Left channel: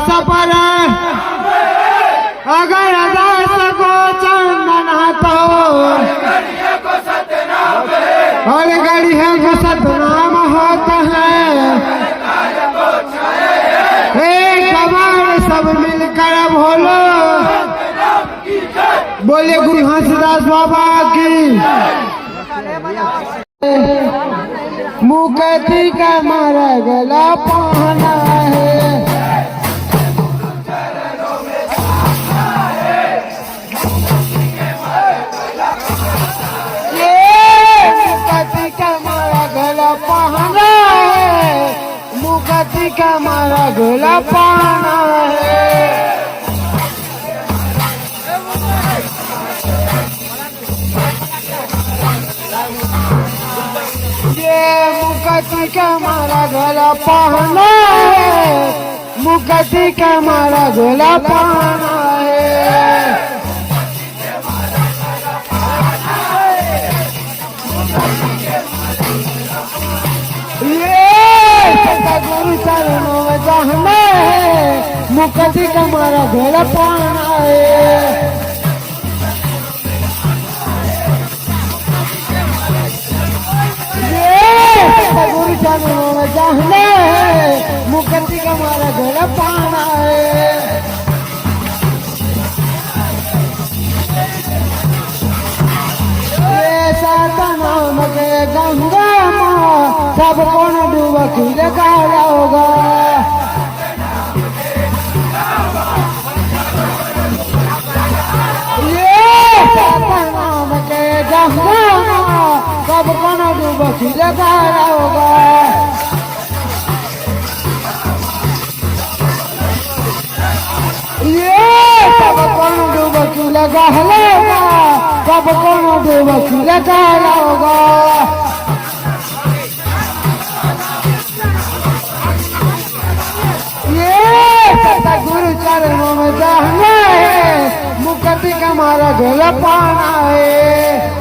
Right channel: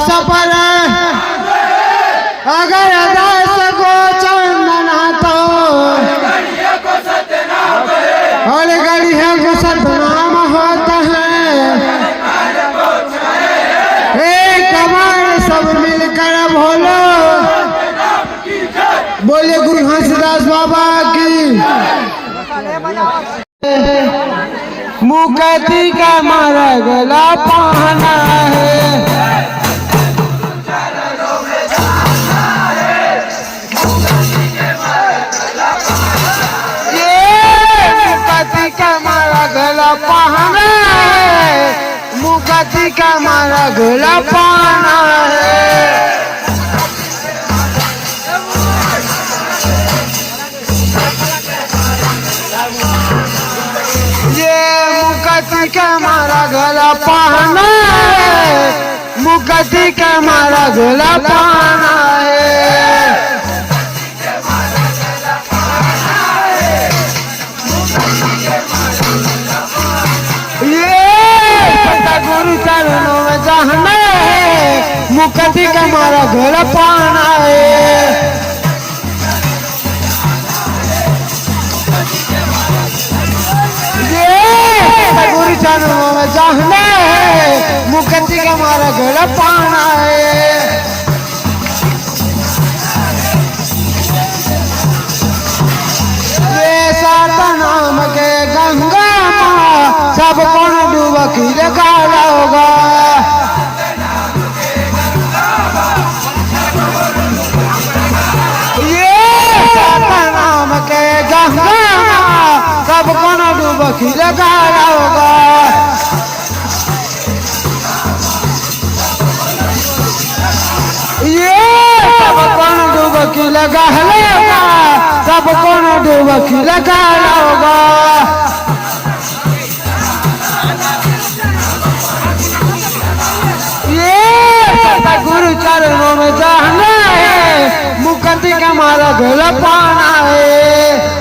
सपर अगर दास को चंदना तो और गढ़िया को सतनाम होता है। एक कमान सब मिलकर बोले गुरु हंसदास बाबा की। मुकती का मारा गला पहना है। मुकती का मारा गला पहना है। मुकती का मारा गला पहना है। मुकती का मारा गला पहना है। मुकती का मारा गला पहना है। ये सतगुरु चरणों में जाना है। मुकती का मारा गला पहना है। गुरु चरणों में जाना है। मुकती का मारा गला पाना है। ये सात नाम के गंगा माँ सब कौन डूबकी लगाया होगा। ये सात नाम के गंगा सब कौन डूबकी लगाया होगा। ये सब कौन डूबकी लगा लेगा। सब कौन डूबकी लगाया होगा। ये सतगुरु चरणों में जाना है। मुकती का मारा गला पाना है।